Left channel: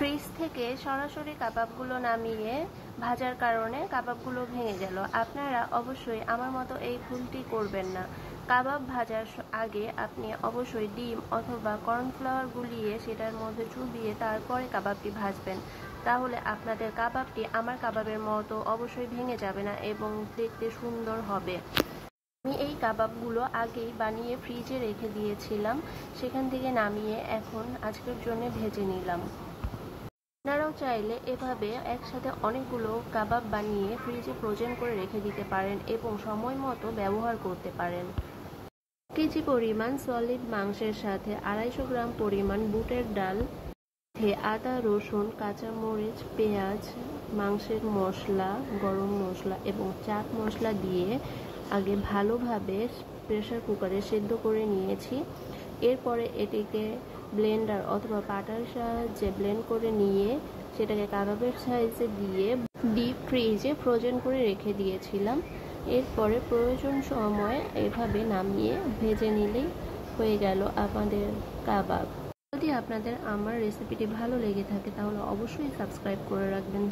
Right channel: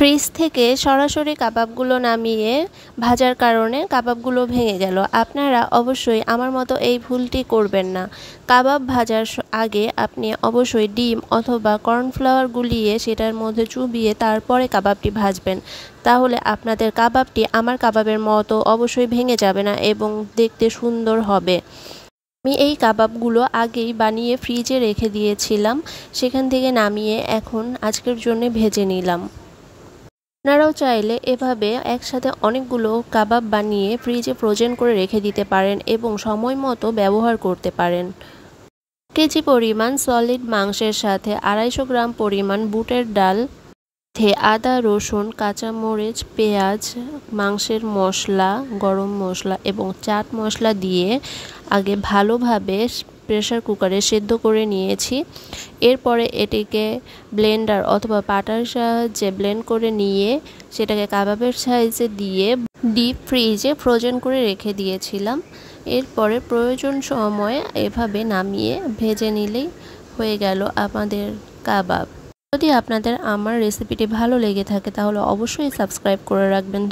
Fridge থেকে সরাসরি কাবাবগুলো নামিয়ে ভাজার কারণে কাবাবগুলো ভেঙে গেল। আপনারা অবশ্যই আমার মতো এই ভুলটি করবেন না। কাবাব ভাজার আগে আপনি অবশ্যই ডিম অথবা কর্নফ্লাওয়ার গুলিয়ে সেটার মধ্যে চুবিয়ে তারপরে কাবাবটি ভাজবেন। তাহলে আপনাদের কাবাবটি আমার কাবাবের মতো অবশ্যই ভেঙে যাবে না এবং দেখতে সুন্দর হবে। আমি এই কাবাবগুলো আগেই বানিয়ে ফ্রিজে রেখে দিয়েছিলাম, সেখান থেকে নামিয়ে এখন আজকের জন্য ভেজে নিলাম। আপনারাও চাইলে এভাবে একসাথে অনেকগুলো কাবাব বানিয়ে ফ্রিজে ফ্রোজেন করে রেখে দিতে পারেন এবং সময় মতো ব্যবহার করতে পারেন। কেজি পরিমাণ সলিড মাংসের সাথে 250 গ্রাম পরিমাণ বুটের ডাল, আদা, রসুন, কাঁচামরিচ, পেঁয়াজ, মাংসের মশলা, গরম মশলা এবং চাট মশলা দিয়ে আগে ভালোভাবে প্রেসার কুকারে সেদ্ধ করে নিয়েছি। এরপরে এটিকে ব্লেন্ডার অথবা পাটার সাহায্যে ব্লেন্ড করে নিয়ে সেটাকে কাবাবের সাইজে দিয়ে ডিপ ফ্রিজে ফ্রোজেন করে রেখে দিয়েছিলাম। এরপরে প্রয়োজন সময় এভাবে নামিয়ে ভেজে নিলেই হয়ে গেল আমাদের কাবাব। যদি আপনাদের আমার রেসিপিটি ভালো লেগে থাকে তাহলে অবশ্যই সাবস্ক্রাইব করে রাখবেন।